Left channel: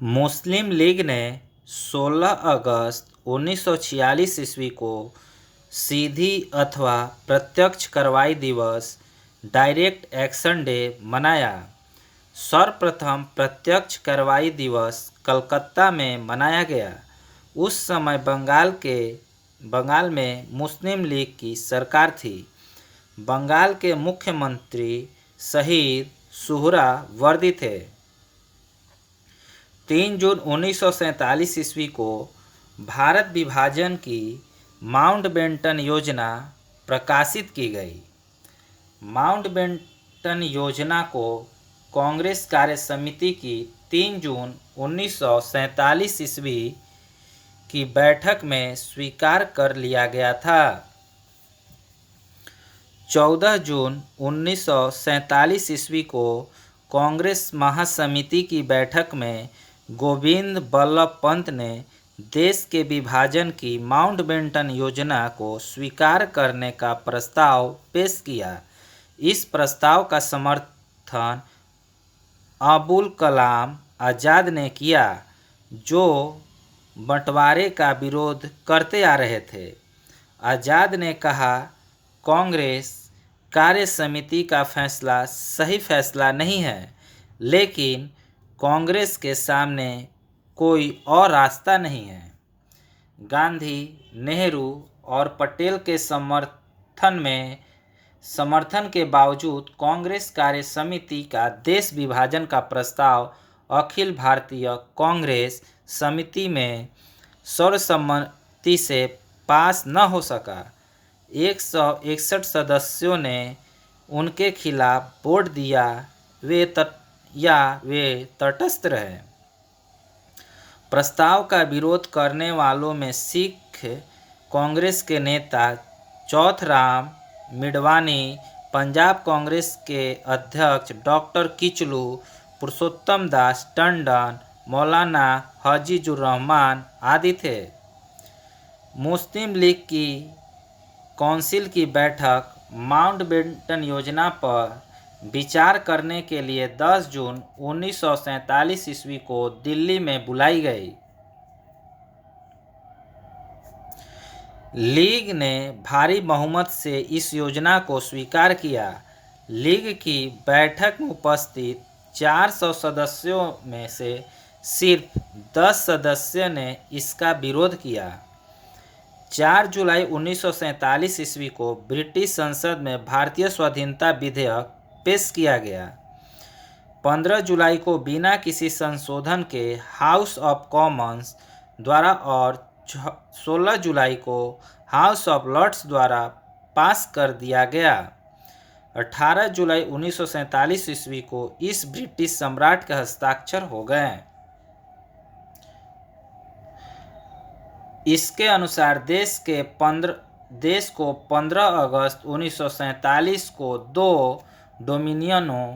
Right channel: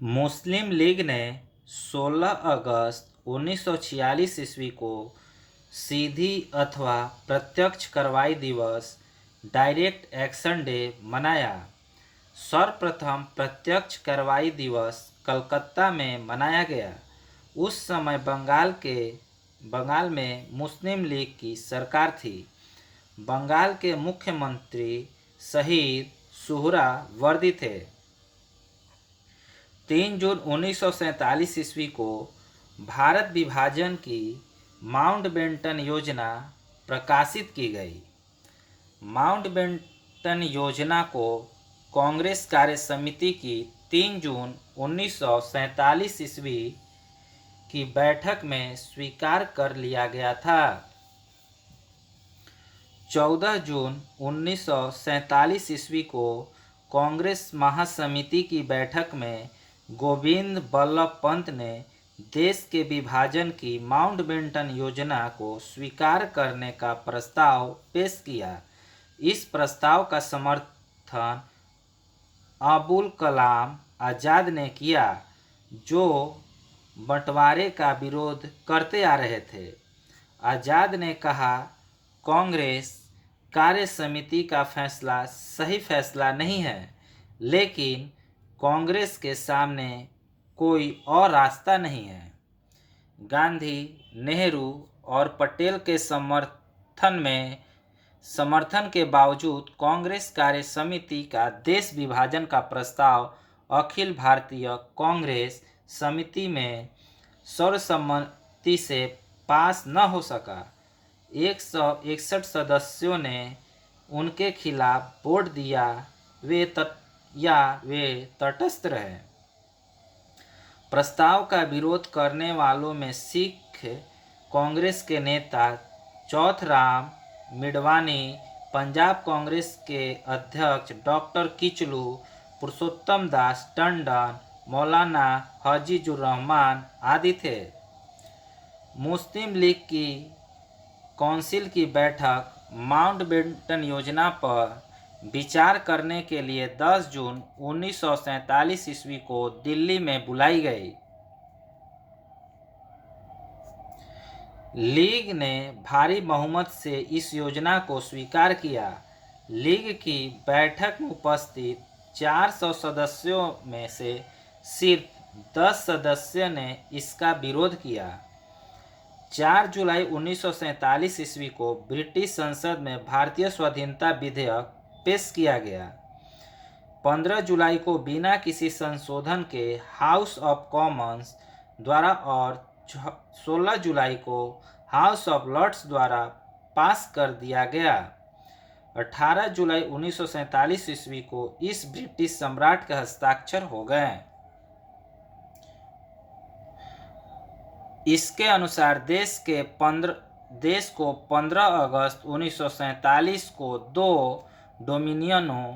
मुस्लिम league ने 16 अगस्त 1946 ईस्वी को सीधी अथवा प्रत्यक्ष कार्रवाई दिवस डायरेक्ट एक्शन डे मनाया। सर्वप्रथम प्रत्यक्ष कार्रवाई दिवस कलकत्ता में मनाया गया। उस समय बंगाल में मुस्लिम लीग की सरकार थी। बंगाल के मुख्यमंत्री शहीद सुहरावर्दी थे। 3 जून 1947 ईस्वी को भारत विभाजन की माउंटबेटन योजना प्रकाशित की गई। माउंटबेटन योजना को कांग्रेस कार्य समिति की 3 जून 1947 ईस्वी की बैठक में स्वीकार कर लिया गया था। 14 जून 1947 ईस्वी को कांग्रेस महासमिति की बैठक में गोविंद बल्लभ पंत ने देश के विभाजन की माउंटबेटन योजना को स्वीकार करने का प्रस्ताव पेश किया। इस प्रस्ताव का समर्थन अबुल कलाम आज़ाद ने किया, जो बंटवारे का विरोध करते आ रहे थे। आज़ाद ने कहा, कांग्रेस कार्य समिति का फैसला सही फैसला नहीं है, लेकिन कांग्रेस के सामने कोई और रास्ता नहीं है। गांधी, नेहरू और पटेल के समर्थन के बावजूद कांग्रेस कार्य समिति का देश विभाजन का प्रस्ताव अखिल भारतीय कांग्रेस समिति में सर्वसम्मति से पास न हो सका। 161 सदस्यों ने उनके खिलाफ वोट दिया। वे तटस्थ रहे। प्रस्ताव का विरोध करने वालों में सिख कांग्रेस के नेता चौथराम मिडवानी, पंजाब कांग्रेस के अध्यक्ष डॉक्टर किचलू, पुरुषोत्तम दास टंडन, मौलाना हजीजुर रहमान आदि थे। मुस्लिम लीग की काउंसिल की बैठक माउंटबेटन योजना पर विचार करने के लिए 10 जून 1947 ईस्वी को दिल्ली में बुलाई गई। लीग ने भारी बहुमत से इस योजना को स्वीकार किया। लीग की बैठक में उपस्थित 400 सदस्यों में से सिर्फ 10 सदस्यों ने इसका विरोध किया। 4 जुलाई 1947 ईस्वी को ब्रिटिश संसद में भारतीय स्वाधीनता विधेयक पेश किया गया। 15 जुलाई को बिना किसी संशोधन के हाउस ऑफ कॉमन्स द्वारा और 16 जुलाई को हाउस ऑफ लॉर्ड्स द्वारा पास कर दिया गया। 18 जुलाई 1947 ईस्वी को इस ब्रिटिश सम्राट के हस्ताक्षर हो गए। इसके अनुसार देश को 15 अगस्त 1947 को 2 डोमिनियनों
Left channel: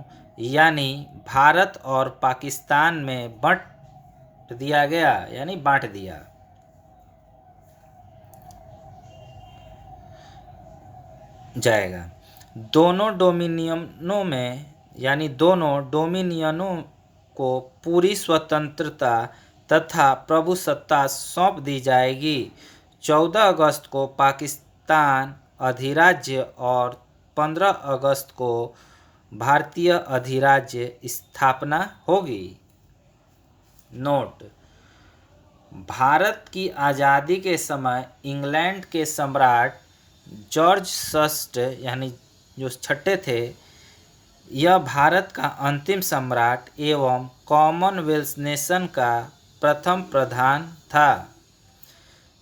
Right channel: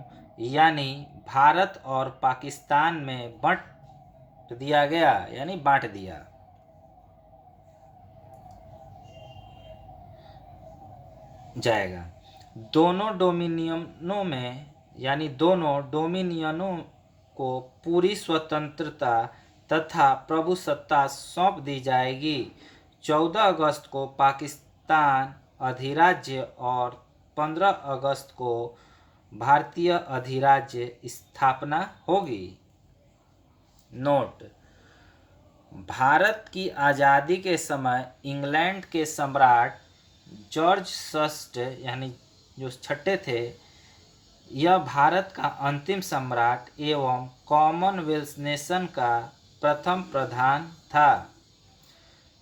यानी भारत और पाकिस्तान में बांट दिया जाएगा। दोनों डोमिनियनों को पूरी स्वतंत्रता तथा प्रभुसत्ता सौंप दी जाएगी। 14 अगस्त को पाकिस्तान अधिराज्य और 15 अगस्त को भारतीय अधिराज्य स्थापना होगी। नोट: भारत की आज़ादी के समय इंग्लैंड के सम्राट जॉर्ज VI यानी जो छठे थे, यह भारत का अंतिम सम्राट एवं कॉमनवेल्थ नेशन का प्रथम प्रधान था।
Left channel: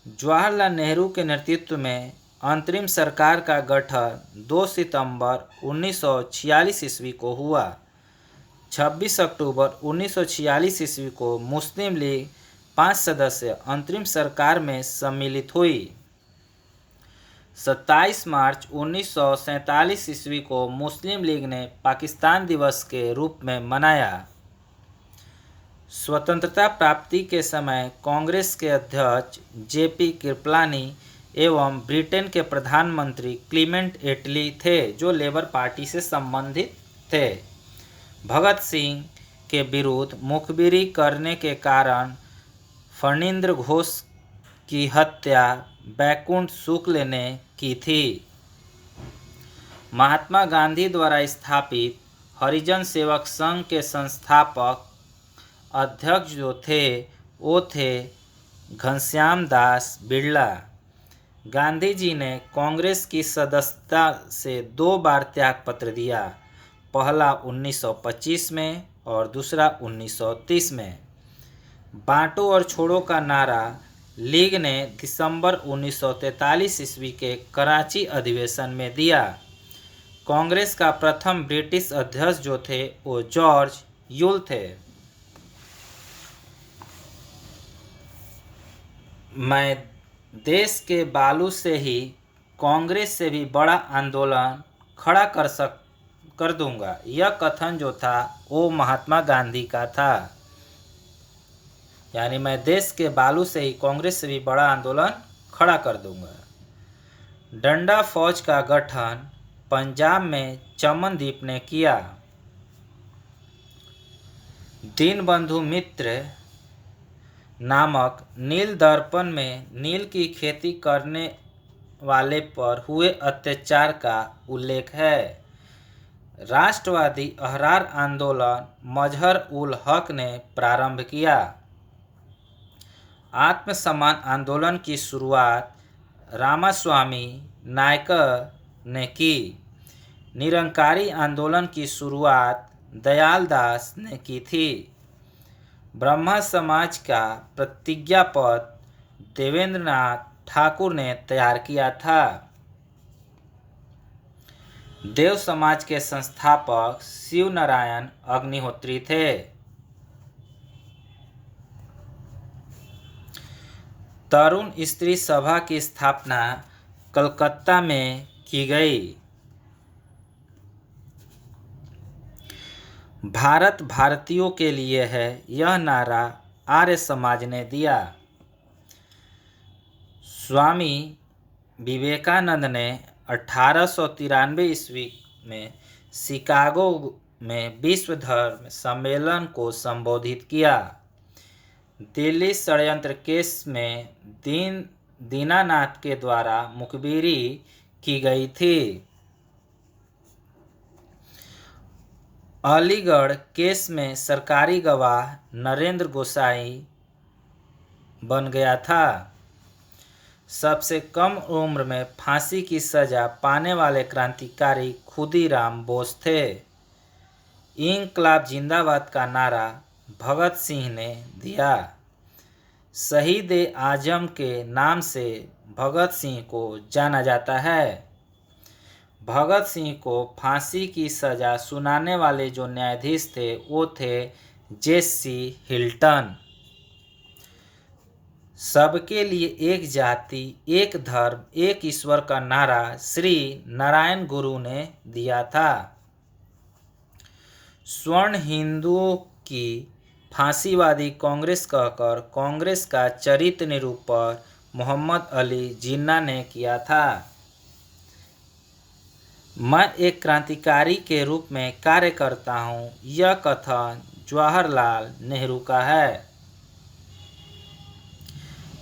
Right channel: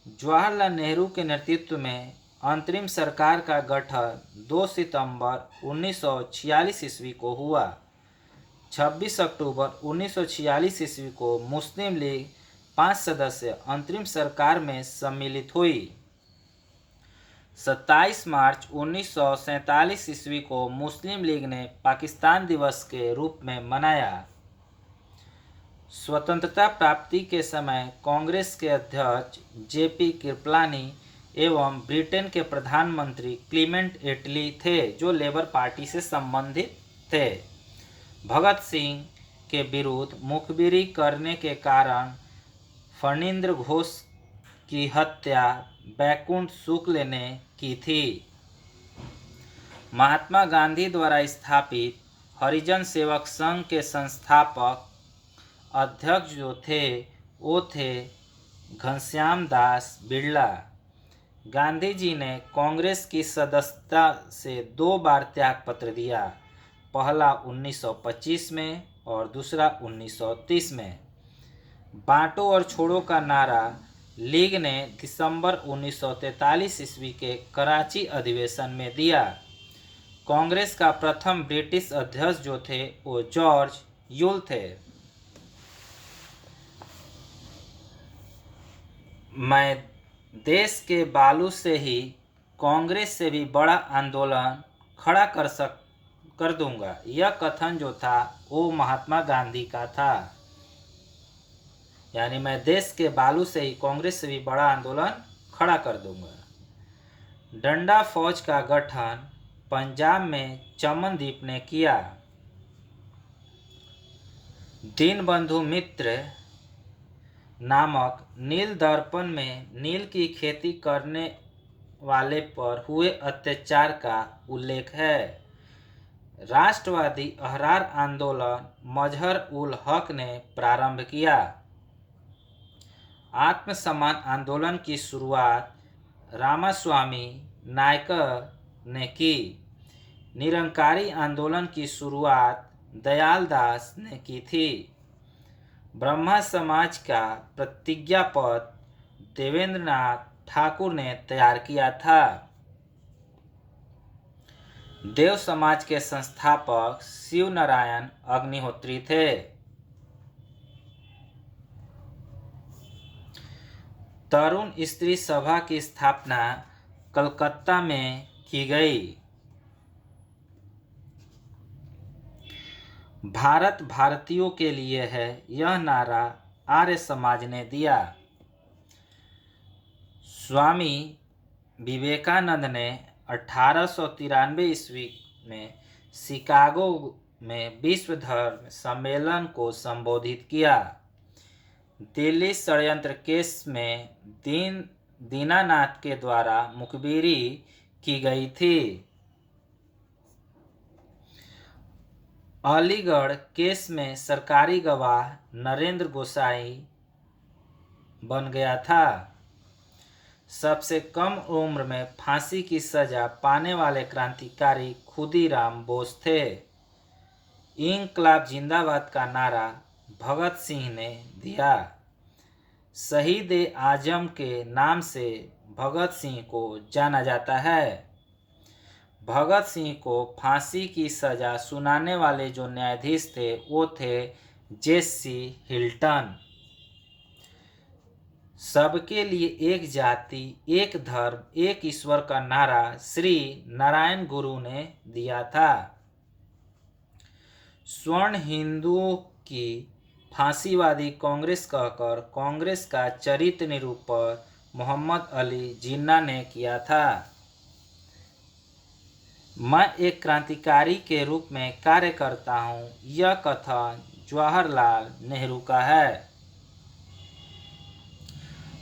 जवाहरलाल नेहरू के नेतृत्व में अंतरिम सरकार का गठन 2 सितंबर 1946 ईस्वी को हुआ। 26 अक्टूबर 1946 ईस्वी को मुस्लिम लीग 5 सदस्य अंतरिम सरकार में सम्मिलित हुई। 27 मार्च 1947 ईस्वी को मुस्लिम लीग ने पाकिस्तान दिवस के रूप में मनाया। स्वतंत्रता प्राप्ति के समय कांग्रेस के अध्यक्ष JP कृपलानी एवं ब्रिटेन के प्रधानमंत्री क्लीमेंट एटली थे, जो लेबर पार्टी से संबंधित थे। भगत सिंह के विरुद्ध मुखबिरी करने के कारण फणींद्र घोष की हत्या बैकुंठ शुक्ल ने की थी। महात्मा गांधी द्वारा स्थापित हरिजन सेवक संघ के संस्थापक अध्यक्ष जो थे वो थे घनश्याम दास बिड़ला। गांधी जी ने कांग्रेस की सदस्यता से 2 बार त्यागपत्र दिया, पहला 1925 में और दूसरा 1930 में। बांटो और छोड़ो का नारा लीग ने दिसंबर 1943 ईस्वी के कराची अधिवेशन में दिया। कांग्रेस का प्रथम ब्रिटिश अध्यक्ष जो थे वो जॉर्ज यूल थे। मैं देश के बालू से ही कांग्रेस से भी बड़ा आंदोलन खड़ा कर दूंगा, यह कथन जो था वो महात्मा गांधी का था। यानी मैं देश के बालू से ही कांग्रेस से भी बड़ा आंदोलन खड़ा कर दूंगा। डंडा फौज का गठन पंजाब में चमनदीप ने किया। दीनबंधु मित्र नामक नील दर्पण में नील की खेती करने वाले पर हुए अत्याचार का उल्लेख है। राष्ट्रवादी अहरार आंदोलन मजहर उल हक ने प्रारंभ किया। आत्मसम्मान आंदोलन की शुरुआत रामास्वामी नायकर ने की। निरंकारी आंदोलन की शुरुआत दयाल दास ने की थी। ब्रह्मा समाज का प्रतिज्ञा पत्र देवेंद्रनाथ ठाकुर ने तैयार किया था। देव समाज के संस्थापक शिव नारायण अग्निहोत्री थे। तरुण स्त्री सभा की स्थापना कलकत्ता में की गई। भारत भारतीयों के लिए है, यह नारा आर्य समाज ने दिया। स्वामी विवेकानंद ने 1893 ईस्वी में शिकागो में विश्व धर्म सम्मेलन को संबोधित किया। दिल्ली षड्यंत्र केस में दीनानाथ के द्वारा मुखबिरी की गई थी। अलीगढ़ केस में सरकारी गवाह नरेंद्र गोसाई बन गया था। सबसे कम उम्र में फांसी की सजा पाने वाले क्रांतिकारी खुदीराम बोस थे। इंकलाब जिंदाबाद का नारा भगत सिंह ने दिया। शहीद आजम के नाम से भगत सिंह को जाना जाता है। भगत सिंह को फांसी की सजा सुनाने वाले जो न्यायाधीश थे वो थे जेसी हिल्टन। सबके लिए एक जाति, एक धर्म, एक ईश्वर का नारा श्री नारायण गुरु ने दिया था। स्वर्ण हिंदुओं की फांसीवादी कांग्रेस कहकर कांग्रेस का चरित्र निरूपण मोहम्मद अली जिन्ना ने किया था। मैं एक क्रांतिकारी के रूप में कार्य करता हूं, यह कथन जवाहरलाल नेहरू का है।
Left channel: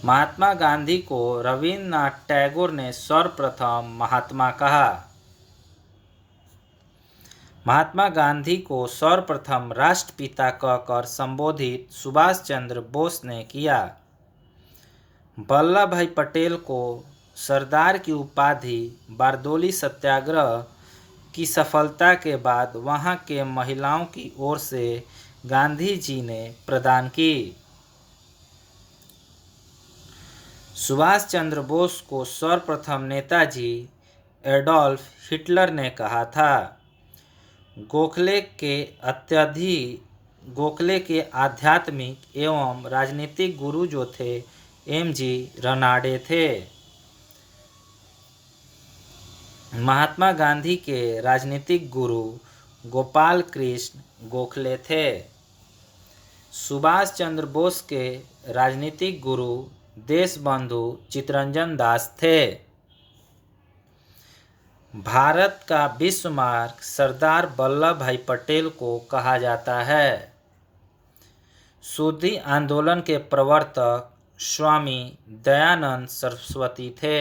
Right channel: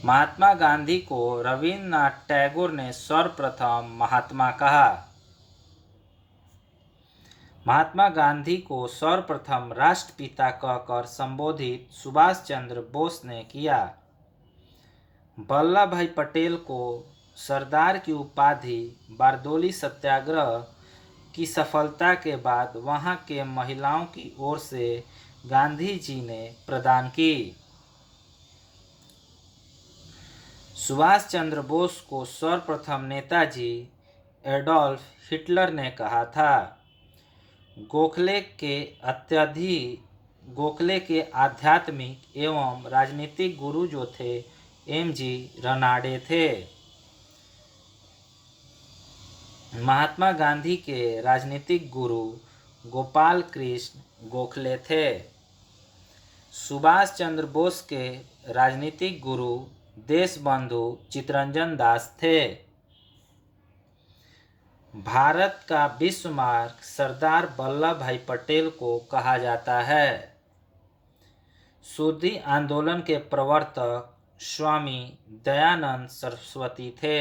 महात्मा गांधी को रविन्द्रनाथ टैगोर ने सर्वप्रथम महात्मा कहा। महात्मा गांधी को सर्वप्रथम राष्ट्रपिता कहकर संबोधित सुभाष चंद्र बोस ने किया। वल्लभ भाई पटेल को सरदार की उपाधि बारदोली सत्याग्रह की सफलता के बाद वहां के महिलाओं की ओर से गांधी जी ने प्रदान की। सुभाष चंद्र बोस को सर्वप्रथम नेताजी एडोल्फ हिटलर ने कहा था। गोखले के आध्यात्मिक एवं राजनीतिक गुरु जो थे एम.जी. रनाडे थे। महात्मा गांधी के राजनीतिक गुरु गोपाल कृष्ण गोखले थे। सुभाष चंद्र बोस के राजनीतिक गुरु देशबंधु चित्तरंजन दास थे। भारत का विश्व मार्ग सरदार वल्लभ भाई पटेल को कहा जाता है। शुद्धि आंदोलन के प्रवर्तक स्वामी दयानंद सरस्वती थे।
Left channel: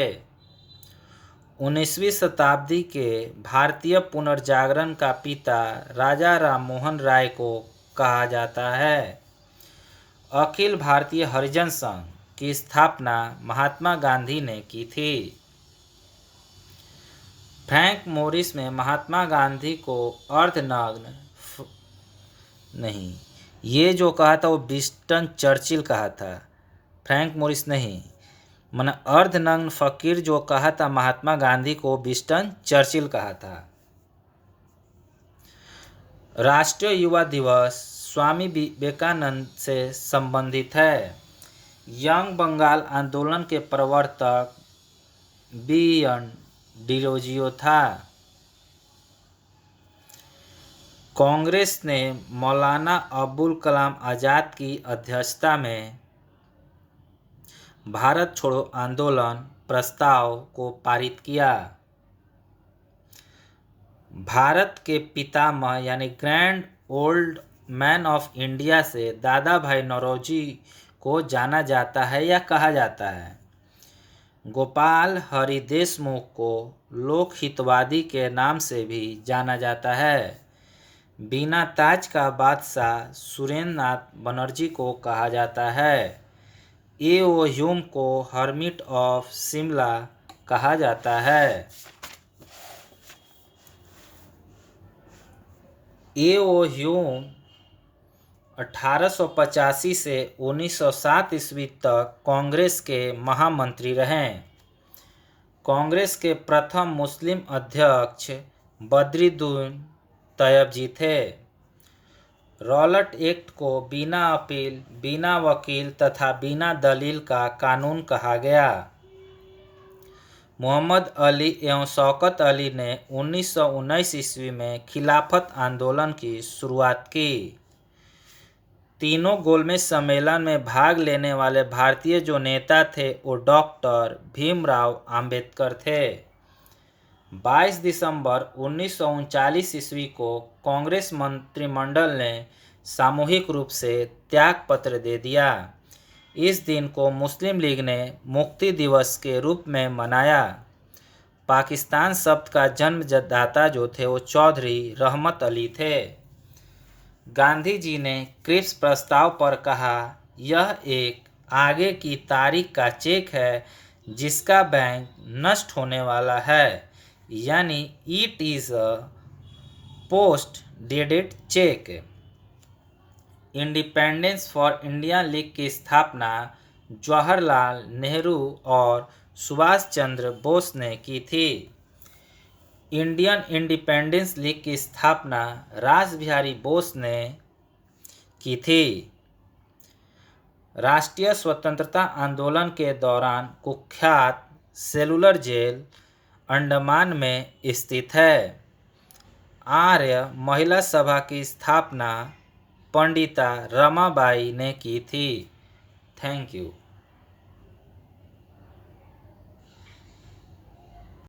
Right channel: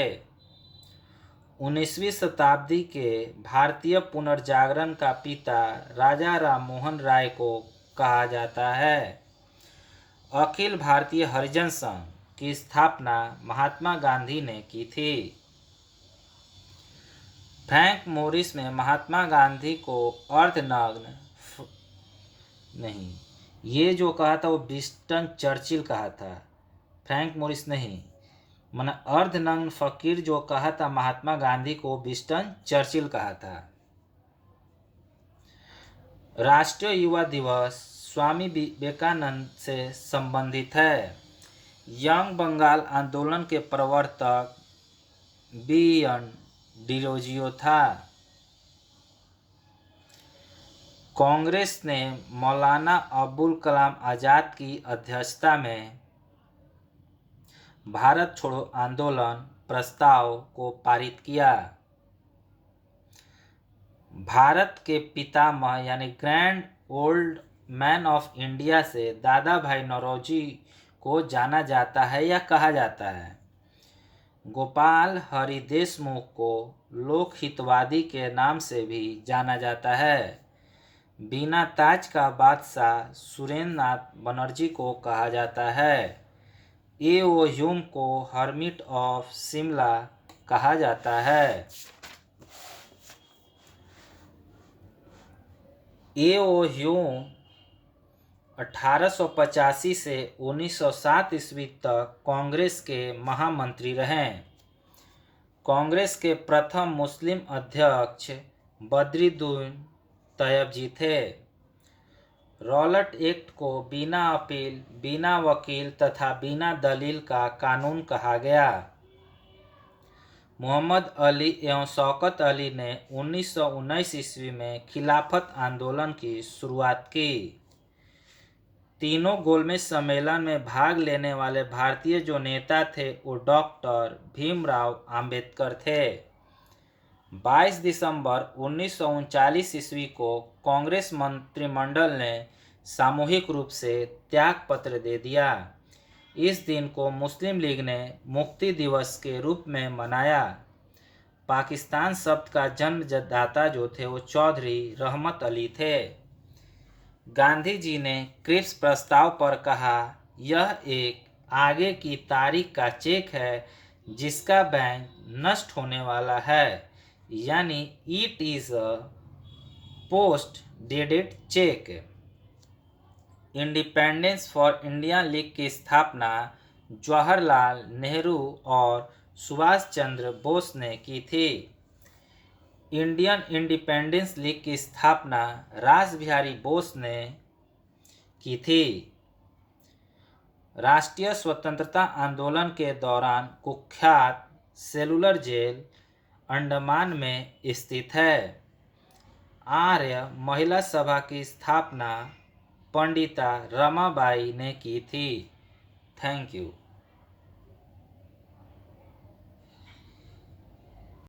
19वीं शताब्दी के भारतीय पुनर्जागरण का पिता राजा राम मोहन राय को कहा जाता है। अखिल भारतीय हरिजन संघ की स्थापना महात्मा गांधी ने की थी। फ्रैंक मोरिस ने महात्मा गांधी को अर्धनग्न नहीं, ये जो कहा था वो विंस्टन चर्चिल कहा था, फ्रैंक मोरिस नहीं। मैंने अर्धनग्न फकीर जो कहा था महात्मा गांधी को विंस्टन चर्चिल कहा था। राष्ट्रीय युवा दिवस स्वामी विवेकानंद से संबंधित है। यंग बंगाल आंदोलन के प्रवर्तक बी.एन. डिरोजियो था। कांग्रेस ने मौलाना अबुल कलाम आज़ाद की अध्यक्षता में भारत छोड़ो आंदोलन प्रस्ताव को पारित किया। भारत के पितामह यानी grand old man of India से दादा भाई नौरोजी को जाना जाता है या कहा जाता है। गोपाल हरि देशमुख को लोकहितवादी के नाम से भी जाना जाता है। बिना ताज का बादशाह सुरेंद्र नाथ बनर्जी को कहा जाता है। ए.ओ. ह्यूम को हर्मिट ऑफ शिमला कहा जाता है। ए.ओ. ह्यूम 1885 से 1907 ईस्वी तक कांग्रेस के महामंत्री रहे। कांग्रेस के प्रथम मुस्लिम अध्यक्ष बद्रुद्दीन तैयबजी थे। रॉलेट एक्ट को बिना अपील, बिना वकील तथा बिना दलील का कानून कहा गया। मोहम्मद अली एवं शौकत अली ने 1919 ईस्वी में खिलाफत आंदोलन की शुरुआत की। तीनों गोलमेज सम्मेलन में भाग लेने वाले भारतीय जो नेता थे वो डॉक्टर भीमराव अंबेडकर थे। 22 दिसंबर 1939 ईस्वी को कांग्रेस मंत्रिमंडल ने सामूहिक रूप से त्यागपत्र दे दिया। इस दिन को मुस्लिम लीग ने मुक्ति दिवस के रूप में मनाया। पाकिस्तान शब्द का जन्मदाता जो थे वो चौधरी रहमत अली थे। गांधी जी ने क्रिप्स प्रस्ताव पर कहा, यह एक आगे की तारीख का चेक है जिसका बैंक नष्ट होने वाला है, यानी it is a post dated cheque. Independence for India league की स्थापना जवाहरलाल नेहरू और सुभाष चंद्र बोस ने की थी। इंडियन इंडिपेंडेंस लीग की स्थापना रासबिहारी बोस ने की थी। राष्ट्रीय स्वतंत्रता आंदोलन के दौरान कुख्यात सेलुलर जेल अंडमान में स्थित है। आर्य महिला सभा की स्थापना पंडिता रमाबाई ने की थी। Thank you.